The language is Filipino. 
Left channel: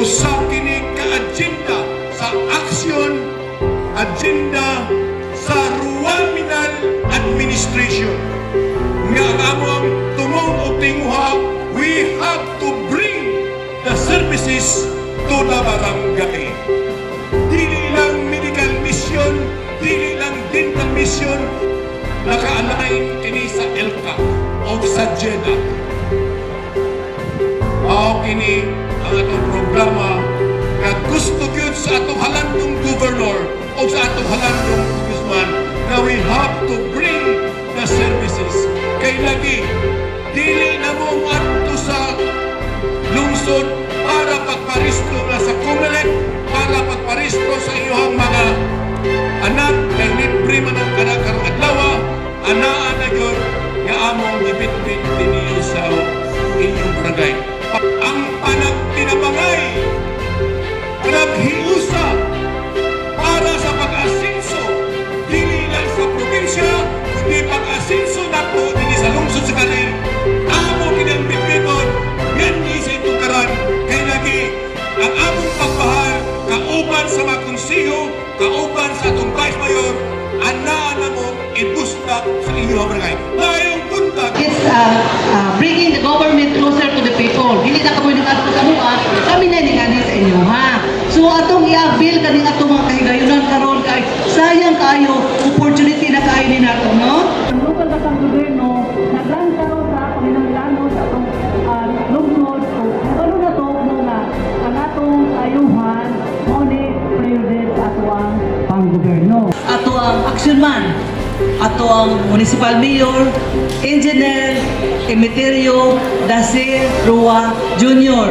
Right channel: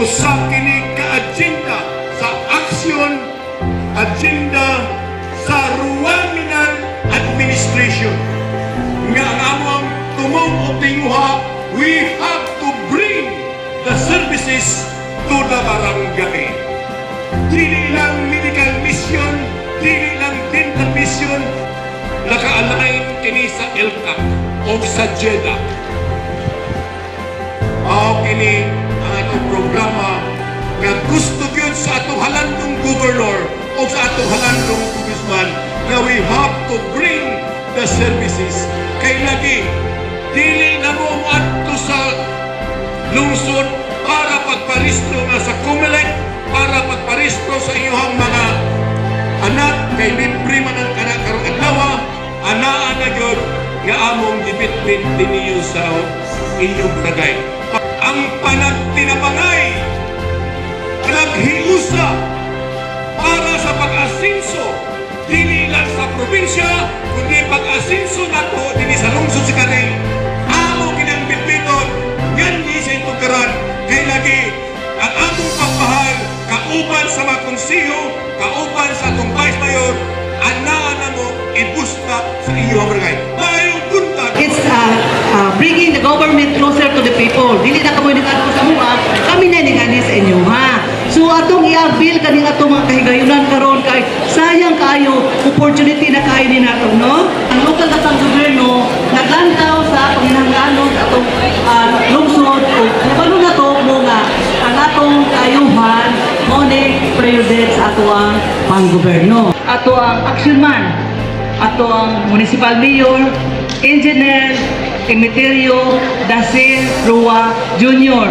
usa kini ka-agenda sa agenda sa Rural Administration. Nga among tumong o tinguha, we have to bring the services to the barangay. Dili lang medical mission, dili lang dental mission, naka-align kini sa ELCA o sa JEDA. Mao kini ang atong programa na gusto gyud sa atong halandong governor o sa atong halandong congressman na we have to bring the services. Kay lagi, dili na mo adto sa lungsod para pagparisto na sa COMELEC, para pagparisto sa iyong mga anak, kay libre man ang anak karong adlaw, anaan na gyud nga among gibitbit diniyo sa inyong barangay. Ang panagtinabangay, naghiusa para sa pag-asinso, dili lang sa probinsya, kundi pag-asinso nato dili sa lungsod sa Karen. Amo kinang bitbiton, yan sa tugaran, kay lagi ang among pagpahal, kauban sa mga konsiyo, kauban sa atong vice mayor, anaan na mo ibusta sa iyong barangay. Mayong buntag. It's bringing the government closer to the people. Dili na komunidad ko sa mga, kami na ni sa inyo, ha? So atong i-avail kaning atong mga kahigayunan karon kay sayang kayo opportunity na kayo din nato, no? Ang lokal katang gobyerno naglantaw sa panginahanglanon sa atong lungsod o nabalo na to mo nga ang atong kayuhan mo ni priority sa ato ang panggobyerno. Ato ang action man, ato ang municipal mayor, engineer Emeterio Dacer Rua Jr.